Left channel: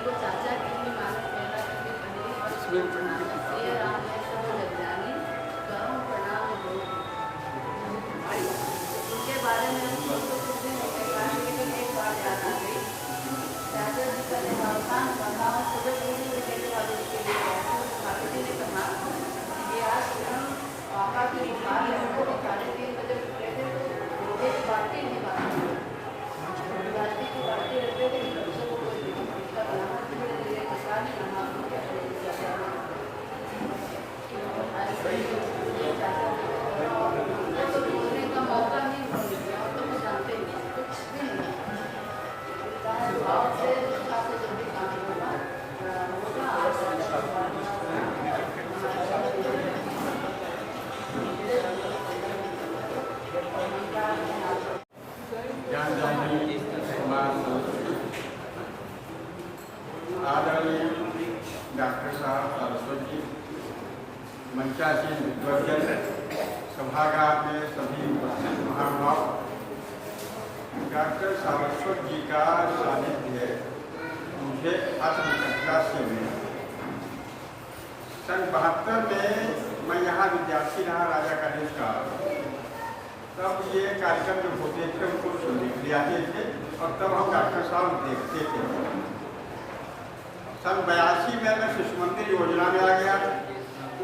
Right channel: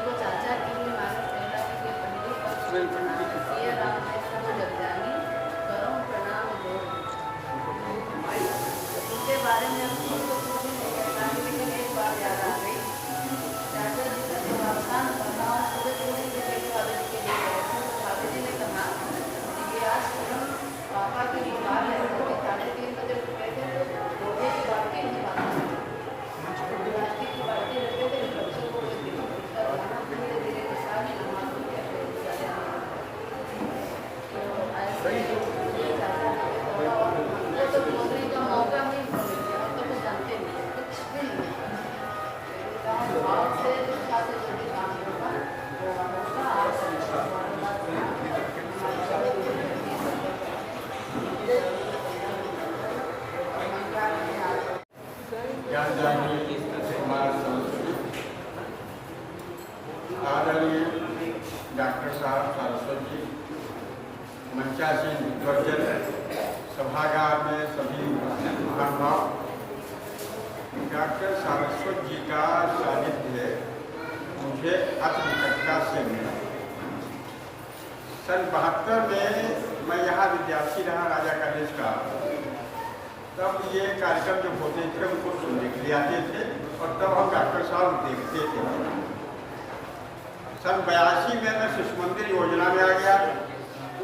को चाचा की भी मानव प्रेरणा के लिए पहली वर्ष में प्रणाम ये राम है सब जगजानी करो प्रणाम दो। उनके बारे में हमको तो कुछ भी नहीं कह पाए, लेकिन एक बात याद आ गई। चाचा जी का निवासान बताओ सुबह पूरी से भाभी जी के लिए गए थे, तो भाभी जी ने कहा कि आज तुरंत पापा की बुखार है, तो 3:30 बजे उठे थे तो एक बाल्टी नहीं बांधी, बाल्टी की बाल्टी रखते थे बच्चों को कोई दिक्कत बनाना, धीरे धीरे के साथ नहा के अपने चले आने लगते। तो ऐसे ही चाचा हमको तो बोलने का मौका नहीं मिला, और तो कुछ जानते नहीं कुछ भी नहीं कहा। भाव से इच्छा से जो भी काम होगा वो होगा। आदरणीय डॉक्टर साहब सारस्वत जी, मंचासीन विद्वजन, सभागार में सभी उपस्थित महानुभाव, डॉक्टर सारस्वत जी का सानिध्य मुझे अति निकटता से मिला। सन 72 में मैं यहाँ विद्यार्थी रहा राजा कॉलेज का, तब ये कार्यक्रम जो होते थे उनको सुनने के लिए आते थे और तब हम डॉक्टर साहब देखते थे। सन 82 में मैं शिशु मंदिर योजना में आ गया।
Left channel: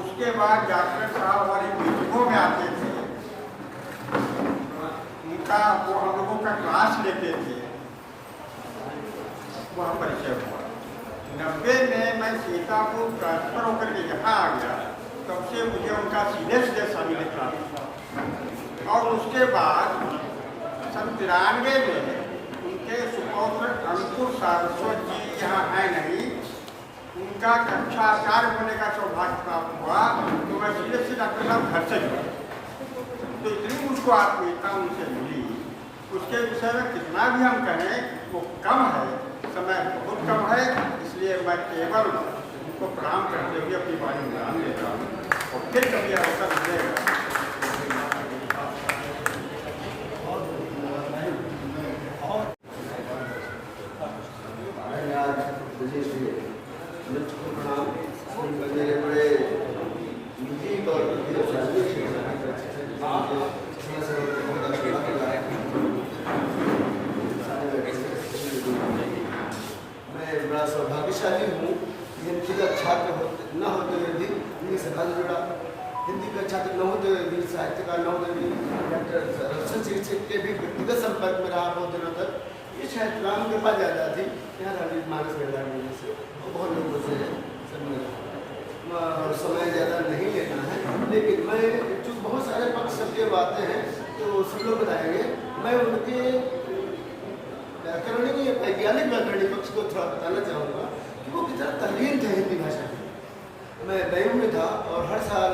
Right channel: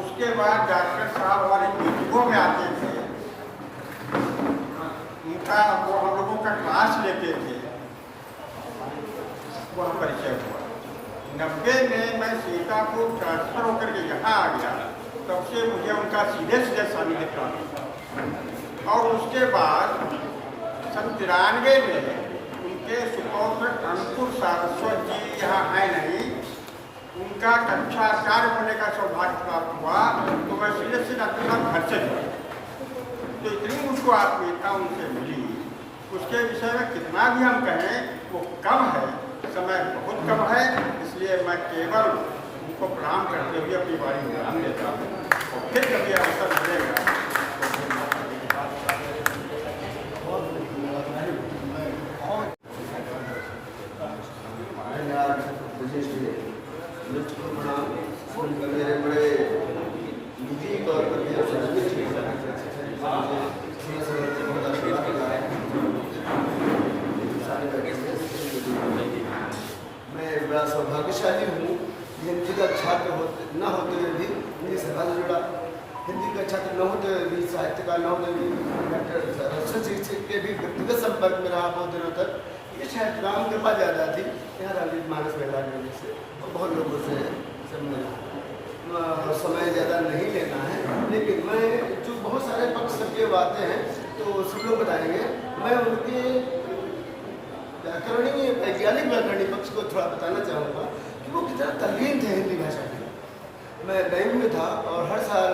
उसके बाद डॉक्टर साहब हमारी मीटिंगों में आते थे, उनका वो हम लोगों का क्लास लेते थे, वह परिचय हुआ। 90 में मैं सीतापुर ट्रांसफर होकर के यहाँ आ गया, तब से मुझे उनका सीधे सीधे शामिल प्राप्त हुआ। और उसके बाद सन 93 में उनके सुपौत्र अंकुर सारस्वत जी यहाँ है नहीं, उनका कक्षा आचार्य होने का सौभाग्य प्राप्त हुआ, तो मैं सीधे से डॉक्टर साहब घर से जुड़ा। तो इतनी मुझको आत्मीयता उनसे मिली, उसके विषय में कितना भी हम कहें वो कम है, समय बहुत कम है। इसलिए मैं केवल उनको प्रणाम करते हुए अपनी बारी विराम देता हूँ और फिर कभी अवसर मिलेगा। मेरे बड़े नीतिक और मैं बड़ा सौभाग्यशाली हूँ। हिंदी का छात्र न होते हुए भी हिंदी से हाथ जुड़ा, हिंदी का छात्र न होते हुए भी, साहित्य का न होते हुए भी डॉक्टर शिक्षक के भी व्यक्तिगत संपर्क में रहा बहुत दिनों तक। ये शायद राम कृपा ज़्यादा थी यहाँ राजनीति मानस मेला की वजह से, और बहुत लोगों से समय ज़्यादा नहीं लेना है। लेकिन मैं जो बहुत सारे पक्ष सबके आते हैं तो सब लोग बताएंगे, मैं उनके व्याकरणीय वैज्ञानिक व्याकरणीय पक्ष को थोड़ा बताना चाहूँगा कि वो कितना तल्लीन थे हिंदी भाषा के। मैं बैंक में था और हर साल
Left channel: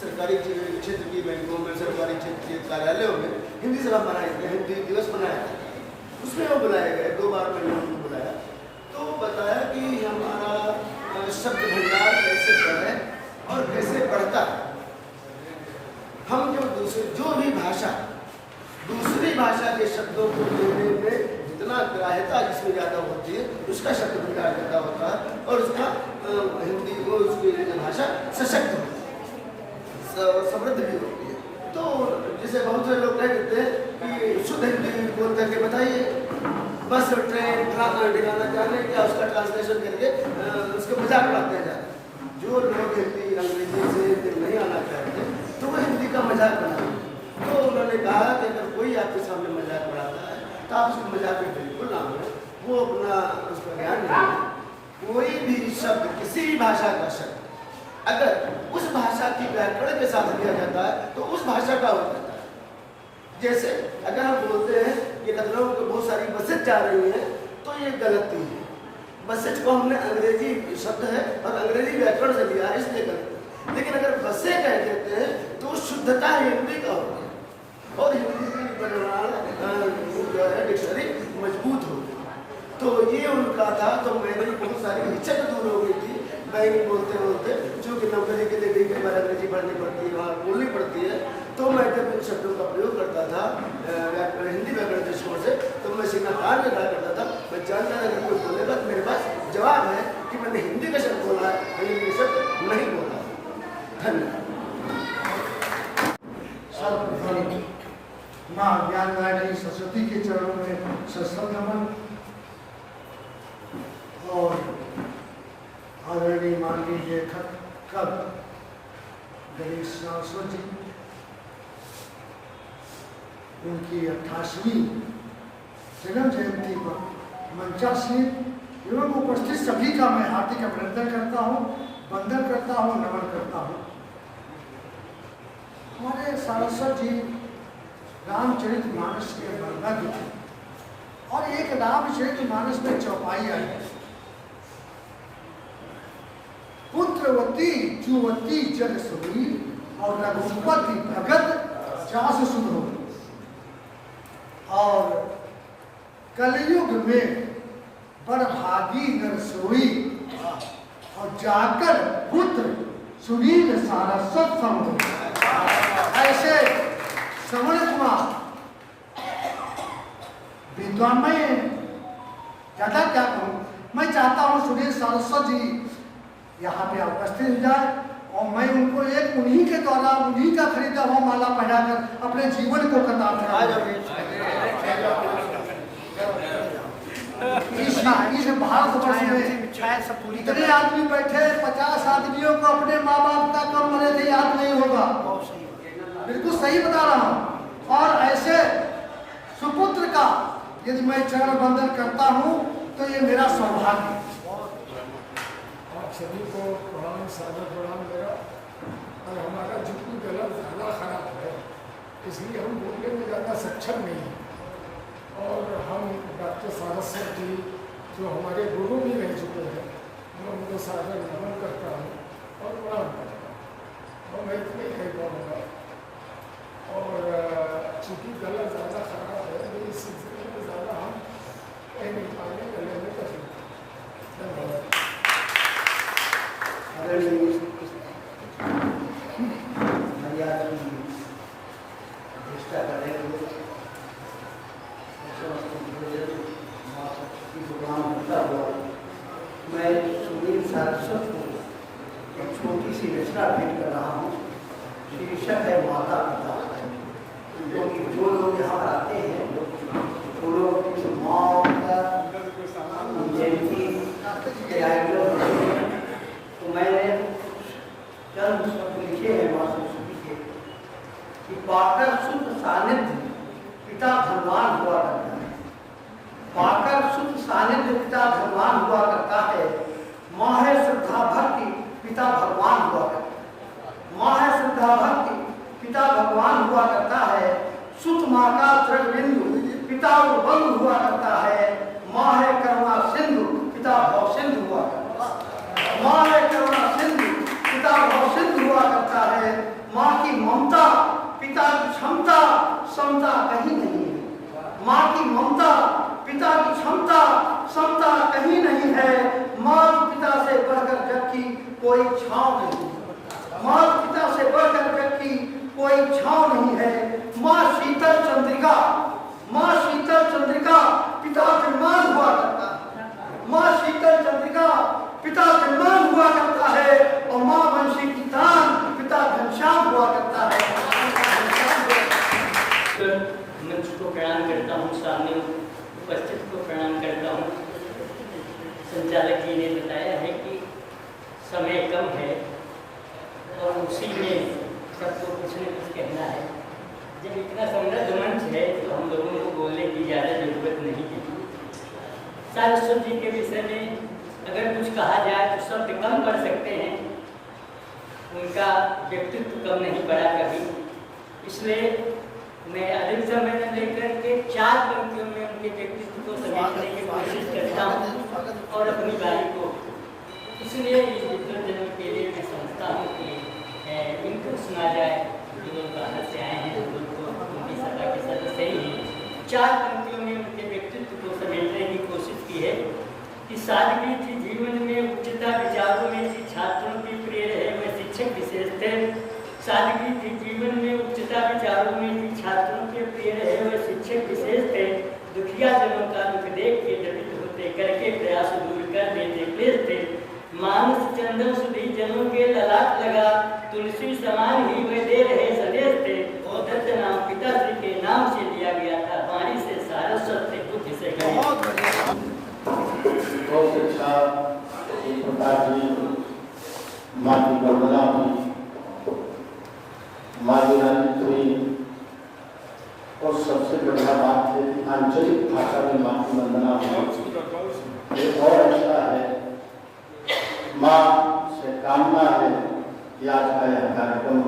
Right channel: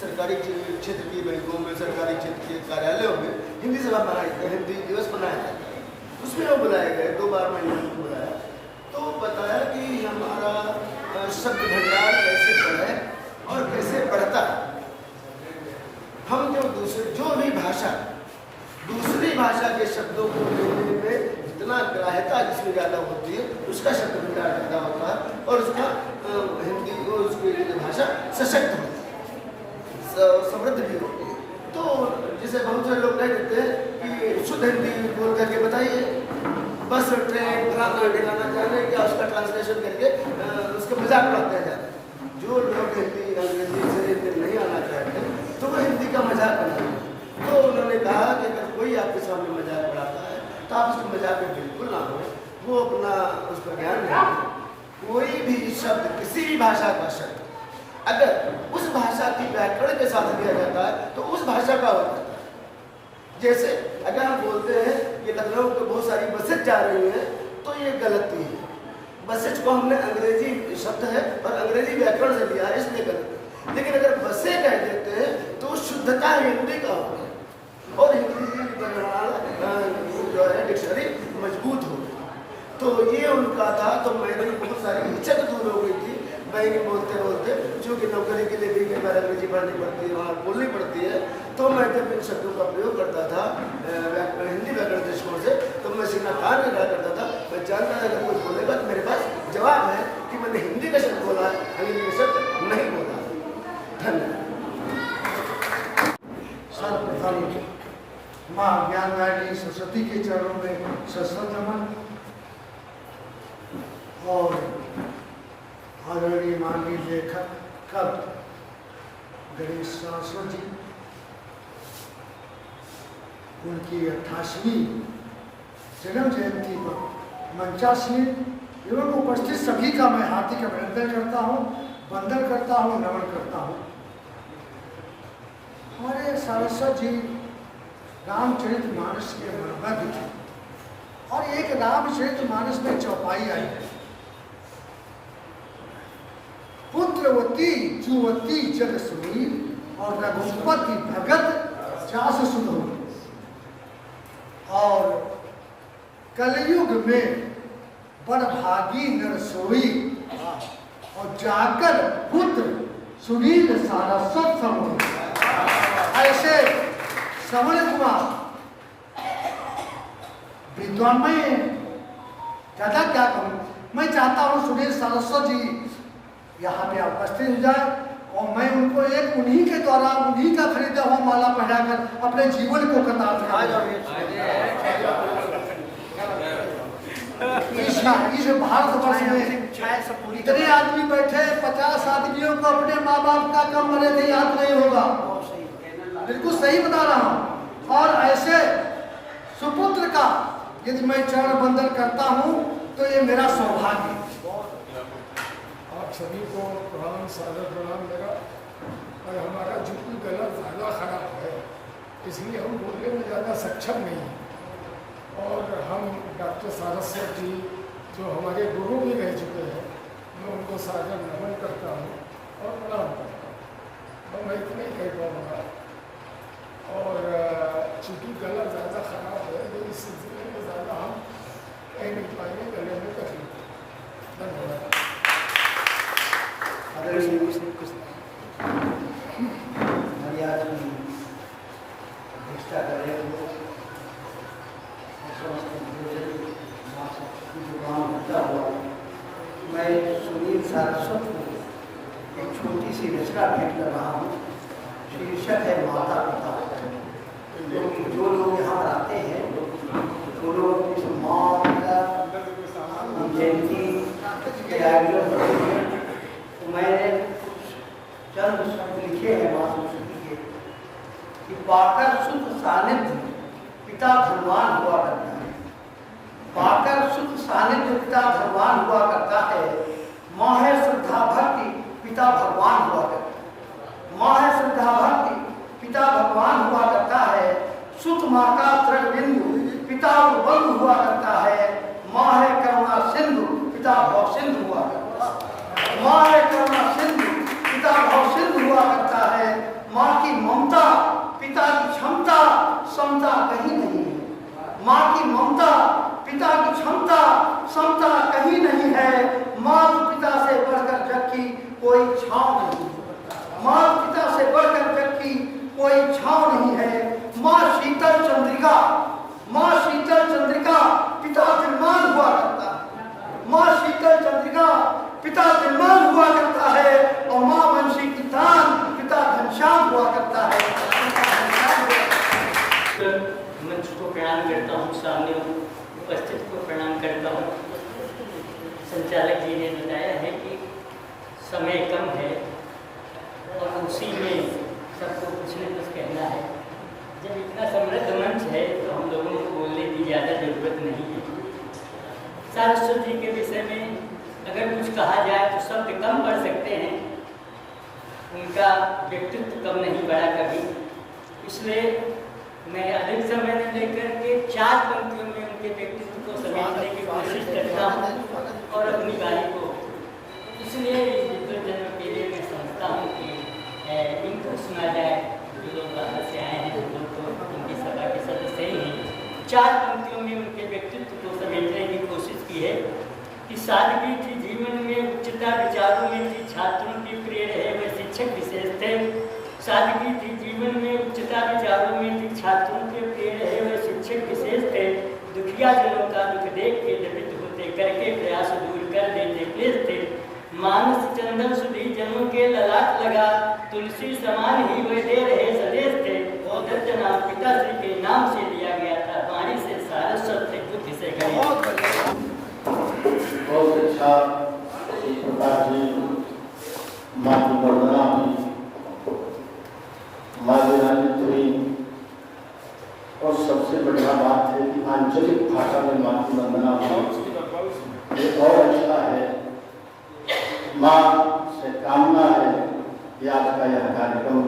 सरकारी क्षेत्र की बैंकों में, सरकारी क्षेत्र के कार्यालयों में हिंदी सभा मनाई गई, हिंदी दिवस मनाया। उसमें वो बुलाए गए, 2 बार मैंने उनको बुलाया, तो बताया कि हमारा शब्द भंडार कैसे बढ़े और कैसे बढ़ता है। हम जो भी भाषा दूसरी भाषा के शब्दों को जोड़ने में जितना ग्राह्यता जिसमें ज़्यादा होती है उसका शब्द भंडार ज़्यादा होता है और उसका हिंदी को उसकी भाषा सशक्त होती है, समृद्ध भी होती है। तो जैसे बहुत से लोग कह देते हैं कि शुद्ध हिंदी बोल करके बताइए, बस ट्रेन ठिकाना जाने क्या उसका ट्रांसलेशन करके उसका मजाक उड़ाते हैं। जो लोग हिंदी अंग्रेजी से नहीं आना चाहते तो वो हिंदी का मजाक बनाते हैं। तो उन्होंने कहा कि अगर कोई आपके सामने मजाक उड़ाता है तो आप उसके मजाक में बिल्कुल ना हो, वो अपना उसका ज्ञान नहीं है। कोई भी शब्द, किसी भी भाषा का शब्द अगर उस भाषा की व्याकरण के साथ दिया जाता है तो उस भाषा का होता है। जैसे अगर हम बोलते हैं कि लखनऊ को बहुत सारी बसें जा रही हैं तो ये गलती है। बसेज को हमने अंग्रेजी शब्द है और अंग्रेजी व्याकरण से लिया है, इसलिए गलत है। लेकिन अगर बसें कह देते हैं तो शुद्धता हिंदी का होता है और हिंदी की जो है डिक्शनरी मजबूत हो गई। तो ये उनका था। तो मेरी बहुत सारी हिचक दूर हो गई थी बैंक बोलते बोलते, जो कि नौकरी के लिए भी कई बार अंग्रेजी पढ़नी पड़ती है, वहाँ बोलनी पड़ती है। तो मैं जब इन शब्दों का प्रयोग करता था हिंदी व्याकरण दृष्टिकोण से, तो मैं सीधा कान में खड़ा करता था। मैं जानता था अगर कोई बोलेगा तो मेरे पास जवाब मैंने हिंदी का शब्द बोला है, अंग्रेजी का शब्द नहीं बोला है। धन्यवाद। सर्वप्रथम माँ ज्ञानदायिनी सरस्वती के चरणों में सत्संग नमन और आदरणीय माननीय लेखक कवि गणेश सरस्वती जी, उनकी 88वीं जन्म जयंती पर मंचासीन एवं उपस्थित सभी का मैं हार्दिक अभिनंदन करता हूँ, वंदन करता हूँ, नमन करता हूँ। हमारे सरस्वती जी रामचरितमानस के मर्मज्ञ थे और एक रामचरितमानस में चौपाई आई है, पुत्रवती जुवती जग सुनी और रघुपति भगत जास सुधो। और कलयुग में बड़भागी नर सोई और जाकर पुत्र सुनील सारस्वत सम। ऐसे श्रवण कुमार विद्वान, में ज्यादा क्या कहूँ, मैं चाहता हूँ सुनील सारस्वत जी यहाँ पे उपस्थित हो जाए और मैं उनको एक उन्हीं के द्वारा उन्हीं का खरीदा हुआ माला पहनाकर अपने जीवन को कतार इस भारतवर्ष में इतने आदमी बैठे, 50 आदमियों को अपने माँ बाप का कम मरे थे याद नहीं होगा, बिल्कुल सही बता रहा हूँ। और ऐसे सुपुत्र का यदि मैं चरण वंदन करता हूँ तो ये मेरा सौभाग्य। आप सभी को प्रणाम, सादर प्रणाम मेरा। और हमारा जितनी गला ज़्यादा खराब है इसलिए हम बोलने में ज़्यादा सक्षम नहीं हैं। और हम डॉक्टर सारस्वत जी जो हमारे गुरु भी रह चुके हैं, मैं उनको सादर नमन करता हूँ और प्रणाम करता हूँ और मैं इतना ही कह पाऊँगा। और चूँकि गला ज़्यादा खराब है तो इस सिलसिले में ज़्यादा हम कह नहीं पाएंगे, गले में तकलीफ है। धन्यवाद। मर्यादा की प्रतिष्ठा कर रहे हो, मैं सुनील सारस्वत को एक छोटी सी रचना भेंट कर रहा हूँ। शीर्षक है माता पिता। जो लोग यहाँ आते हैं वो लोग इस माँ का जयंती तो मैंने चंद शब्द लिखे हैं माँ सरस्वती के कि पाकर सुख सानिध्य पिता धनवान हुआ करता है। पाकर सुख सानिध्य पिता धनवान हुआ करता है। माँ है श्रद्धा भक्ति पिता भगवान हुआ करता है। माँ है श्रद्धा भक्ति पिता भगवान हुआ करता है। सुत माँ का तृग बिंदु पिता बंधु हुआ करता है। माँ है करुणा सिंधु पिता भव सिंधु हुआ करता है। माँ है करुणा सिंधु पिता भव सिंधु हुआ करता है। माँ की ममता पिता की क्षमता समता कहीं नहीं है। माँ की ममता पिता की क्षमता समता कहीं नहीं है। माँ पिता से बढ़कर जग की कोई छांव नहीं है। माँ पिता से बढ़कर जग की कोई छांव नहीं है। माँ शीतल चंद्रिका, माँ शीतल चंद्रिका पिता विमान हुआ करता है। माँ शीतल चंद्रिका पिता विमान हुआ करता है और माँ वंशी की दान पिता घनश्याम हुआ करता है। मंच को प्रणाम करता हूँ, सामने उपस्थित को प्रणाम करता हूँ। संचालक जी ने बताया है कि समय कम है और उसी में सबको कुछ न कुछ कहना है। जब इतना समृद्ध मंच है तो हम लोगों को बोलने की ज़्यादा जरूरत नहीं है। सारस्वत जी के विषय में अगर कुछ कहा जाए तो शब्द कम पढ़ सकते हैं, उनका व्यक्तित्व कम नहीं पड़ा कभी। इसलिए मैं अधिक समय न लेकर के 4 पंक्तियों में उनके व्यक्तित्व को समझने की कोशिश करता हूँ और अपनी गाड़ी को इसलिए विसर्जन के लिए मैं समझता हूँ कि इनको सुना जाए। जो लोग बाहर से आए हैं, जो लोग उनकी सभा के सदस्य ही हैं। 4 पंक्तियों में उनके व्यक्तित्व को समेटने की कोशिश की है कि सादगी थी जीवन में, उच्चता विचारों में थी, छात्रों की प्रिय रहे वह शिक्षक विशेष थे। सादगी थी जीवन में, उच्चता विचारों में थी, छात्रों के प्रिय रहे वह शिक्षक विशेष थे। दुखिया जनों का दुख देख के व्यथित होते, करके प्रयास दूर कर देते क्लेश थे। मानस चंदन सुधी जनों के ललाट लगा, तुलसी समान ही वे दे रहे सदेश थे। दत्त नाम पिताश्री के नाम से लिया गया था, वाणी से सारस्वत थे, बुद्धि से बहुत अच्छा एक प्रकार की माँ की वंदना हुई, माँ विराजित हुई। और सबसे बढ़िया बात है कि आंचलिक भाषा में माँ की वंदना हुई। ये और अच्छा है। माँ से कामना है कि आज का यह कार्यक्रम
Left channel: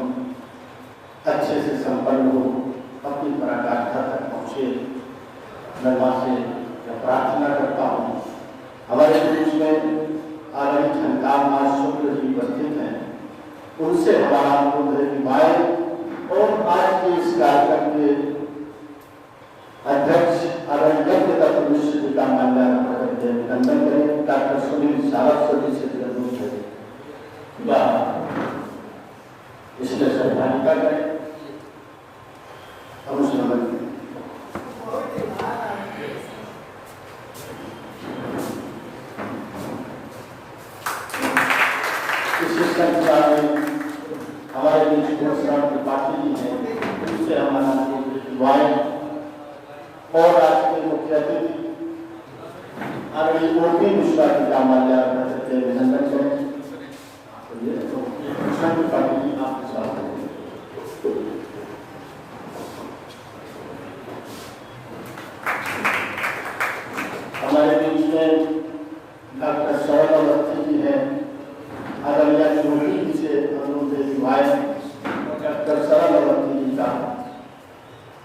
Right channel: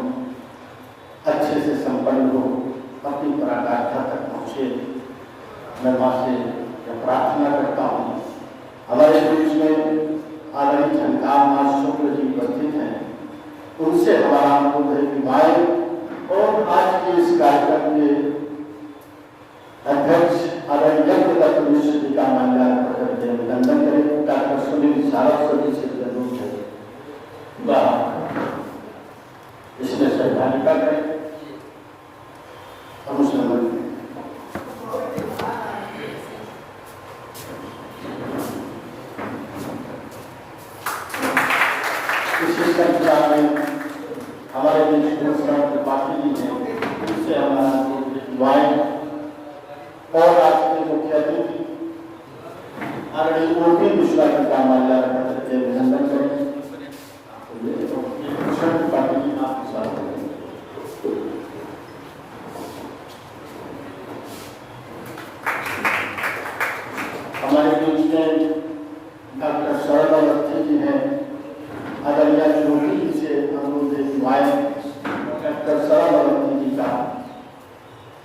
अच्छे से संपन्न हो, अपनी पराकाष्ठा तक पहुँचे। मैं माँ से यह प्रार्थना करता हूँ। हमारे बीच में आदरणीय झनकार माँ शुक्ल जी उपस्थित हैं, उनसे हमारा अनुरोध है कि भाई और आज के इस कार्यक्रम के अध्यक्ष आदरणीय दत्त मिश्र जी का माल्यार्पण करके अभिनंदन करें। डॉक्टर सुनील सारस्वती से अनुरोध है इसमें सहभागिता करें। अनुश्रमण इसी संख्या में हमारे बीच त्रिपाठी जी हैं, उनसे हमारा और आज के मुख्य अतिथि आदरणीय ओपी मिश्रा जी का माल्यार्पण करके अभिनंदन करें। त्रिपाठी जी आपके साथ हमारे बीच में डॉक्टर शरण अवस्थी जी हैं। आदरणीय ज्योति जी से अनुरोध है कि डॉक्टर शरण अवस्थी जी का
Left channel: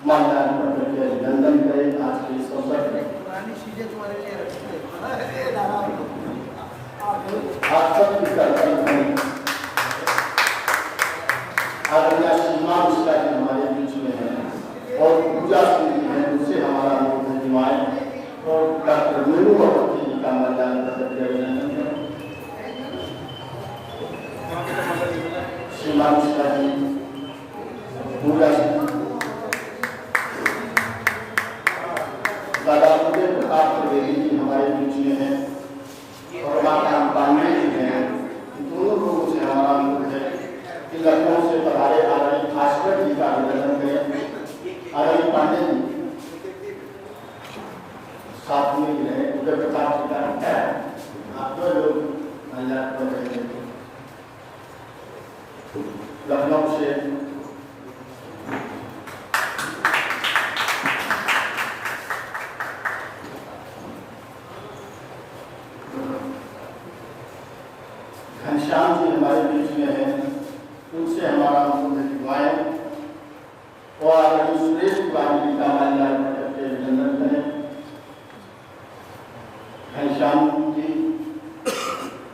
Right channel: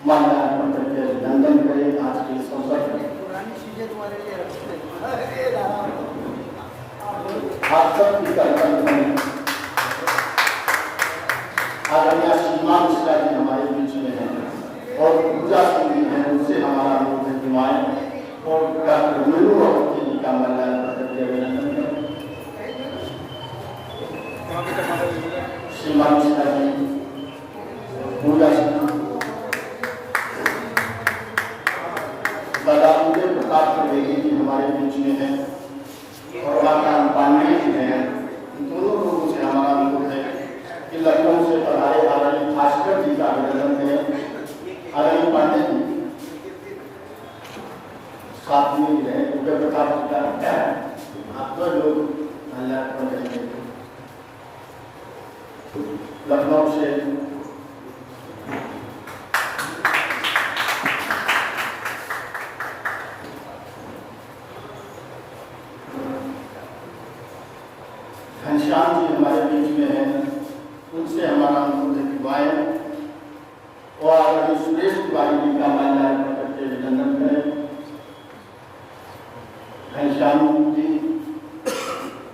माल्यार्पण करके अभिनंदन करें। आज के इस अवसर पर आप सबकी कर्तव्य आदरणीय सीमा मिश्रा जी हमारे बीच में हैं और पूजा सिंह जी हैं, उनसे हमारा अनुरोध है कि और डॉक्टर मीनू अवस्थी जी का माल्यार्पण करके अभिनंदन करें। सीमा मिश्रा जी, पूजा सिंह, दादा उदय प्रताप त्रिवेदी जी हमारे बीच में हैं और माता पांडे जी हैं। दोनों लोगों से हमारा अनुरोध है कि लखनऊ से पधारे आदरणीय भास्कर जी का अभिनंदन करें। आदरणीय पांडे जी साथ में रहे, उदय प्रताप जी का क्या है, आप दो लोग माल्यार्पण करेंगे। लखनऊ से घनश्याम जी हमारे बीच में हैं, उनसे हमारा अनुरोध है कि वायन और आदरणीय सुरेश तिवारी जी का माल्यार्पण करके अभिनंदन करें। घनश्याम जी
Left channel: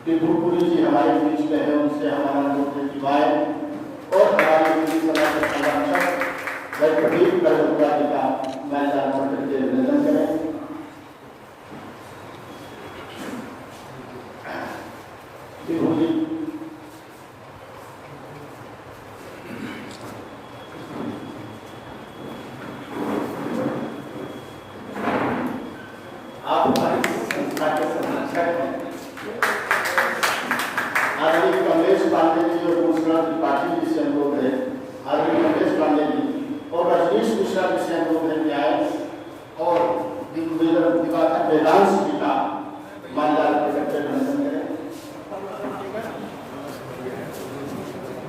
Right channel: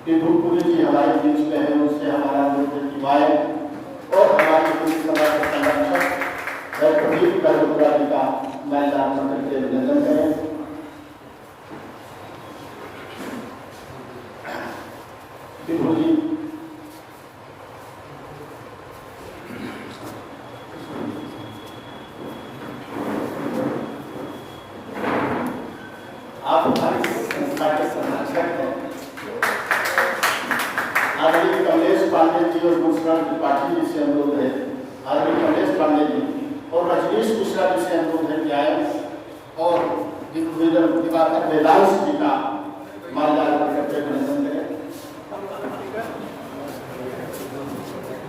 विभुपुरी जी हमारे बीच में हैं, उनसे हमारा अनुरोध है कि वायन और हमारे हिंदी समाज के संरक्षक कबीर कलपुरा जी का माल्यार्पण करके अभिनंदन करें। विभु जी आप हमारी संस्था के संरक्षक हैं। आदरणीय कमलेश पांडे जी और भूषण त्रिपाठी जी से अनुरोध है, आदरणीय कमलेश पांडे जी और रजनीश मिश्रा जी से अनुरोध है कि आए और दिवाकर वेदांश जी का माल्यार्पण करके अभिनंदन करें।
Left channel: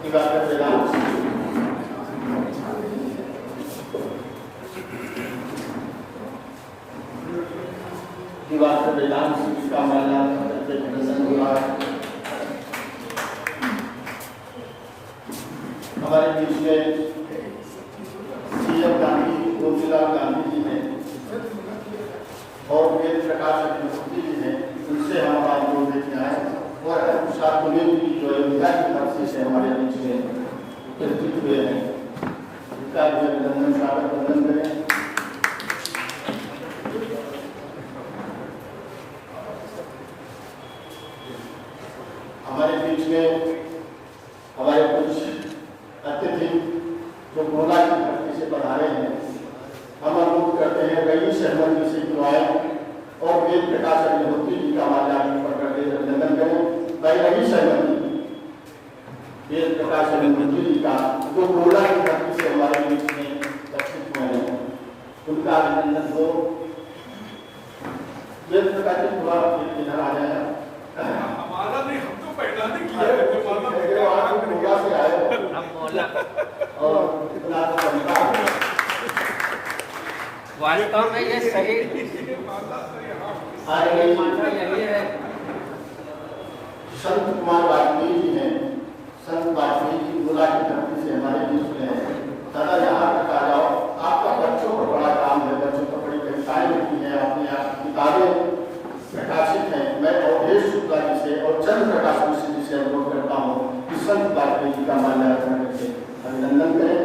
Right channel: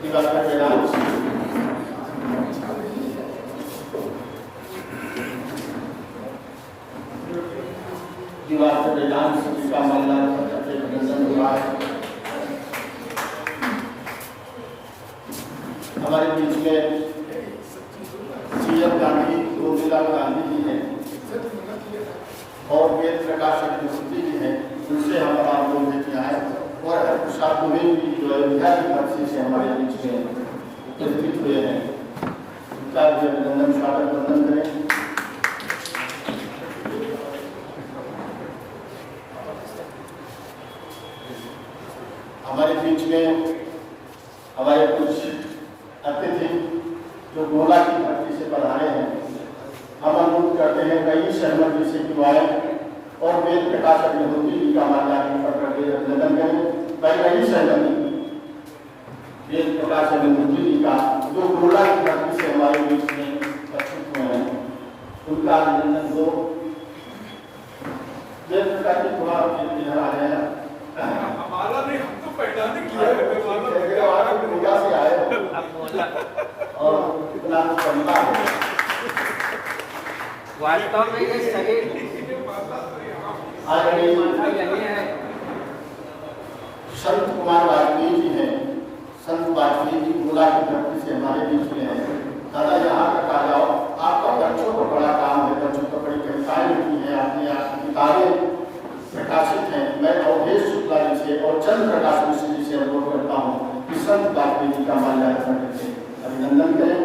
दिवाकर वेदांश दिवाकर वेदांश जी का माल्यार्पण करके अभिनंदन हुआ। हमारे बीच में सीएम गांधी गोविंदलाल गांधी जी हैं और वेद प्रकाश अग्निहोत्री जी हैं, उनसे हमारा अनुरोध है कि आए और प्रसाद कुमेर जी जो अयोध्या की धरती से हमारे बीच में उपस्थित हुए हैं, उनका भी अभिनंदन स्वागत वंदन करें। हमारे बीच में हमारे कुछ अतिथि जो गोला की धरती से पधारे हैं, हम अनुरोध करते हैं रईस अहमद जी से कि आए और वेद प्रकाश अग्निहोत्री जी का माल्यार्पण करके अभिनंदन करें। पहले ही सहमति एक प्रकार से मंत्री जी का जो गोला की धरती से हमारे बीच में उपस्थित हुए हैं उनका अभिनंदन हो। एक प्रकार की थोड़ा इधर आ जाएगा हमारा नहीं, हम तो पहला नहीं किया है। गोला से आए और इतना तरीका वास्तव में ये सही यही है। संत कुमार वाजपेयी जी हैं। संत वाजपेयी जी गोला की धरती से हमारे बीच में है। दादा यहाँ तक आ जाओ, आपका बच्चों को बड़ा काम है, बच्चों को बड़ी कविताएं लिखी हैं, अपनी आप किताबें प्रकाशित हैं। मैं अवधेश शुक्ला जी से और चंद्र प्रकाश मिश्र जी से अनुरोध करता हूँ कि संत वाजपेयी जी का माल्यार्पण करके अभिनंदन करें।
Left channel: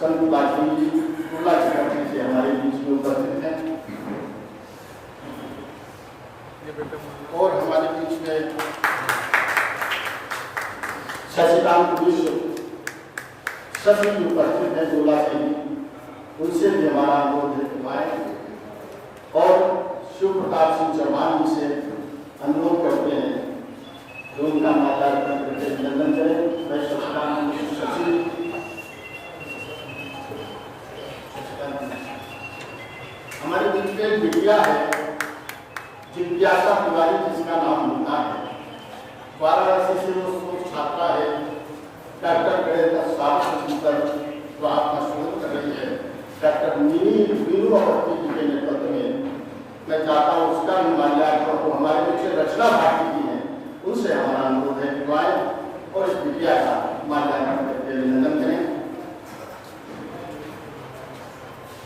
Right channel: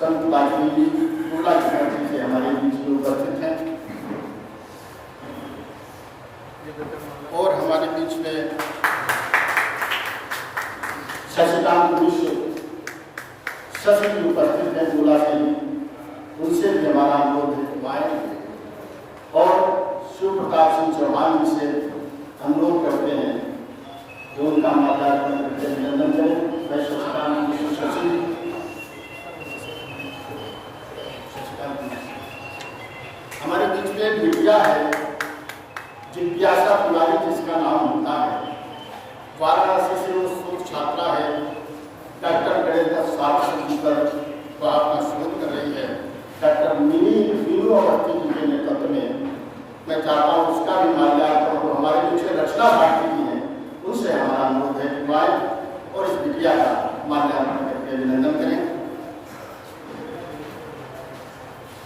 संत वाजपेयी जी गोला की धरती से हमारे बीच में उपस्थित हैं और हमारे बीच में शशिकांत मिश्र शशि जी उपस्थित है गोला से ही, उनसे भी हमारा अनुरोध है कि आए और शिव प्रताप सिंह चौहान जी से अनुरोध करते हैं जो उनका माल्यार्पण करके अभिनंदन करें। मैं शशिकांत मिश्र शशि हमारे बीच में एक बिटिया है जिज्ञासा तिवारी जिसका नाम होता है। वाराणसी से वो शोध छात्रा है, डॉक्टर गणेश स्वास्थ्य पर तो आपका शोध कर रही है। डॉक्टर मीनू अवस्थी जी के नेतृत्व में मैं चाहता हूँ उसका भी माल्यार्पण हो। हमारे बीच में रचना भारती जी हैं, उनसे हमारा अनुरोध है कि आए और इस बिटिया का माल्यार्पण करके अभिनंदन करें।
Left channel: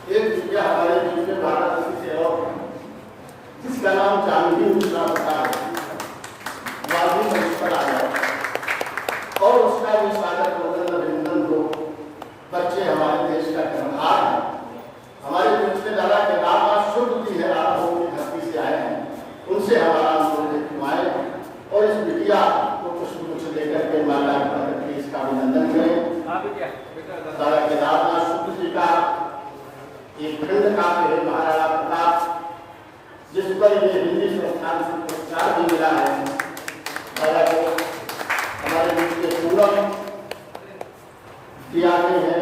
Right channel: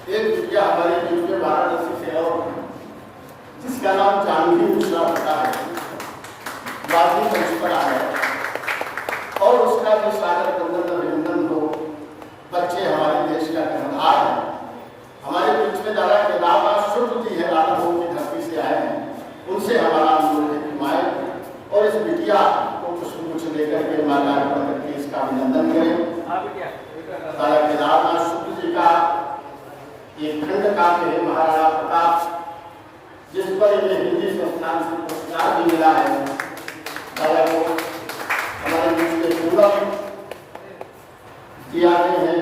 एक बिटिया हमारे बीच में वाराणसी से और जिसका नाम जानवी मिश्रा होता है, वाजपेयी मंच पर आया और उसका भी स्वागत अभिनंदन हो। बच्चे हमारे देश का कर्णधार है। हमारे बीच में दादा केदारनाथ शुभ जी है, रामभोग की धरती से आए हैं, उनसे हमारा अनुरोध है कि आए और इस बिटिया को कुछ लेकर के माल्यार्पण करके इसका अभिनंदन करें। दादा केदारनाथ शुभ जी का एक खंड काव्य है महाराणा प्रताप, जिस पर इन्हें हिंदी संस्थान से पुरस्कार भी मिला है। हमारे बीच में पूनम जी आते हैं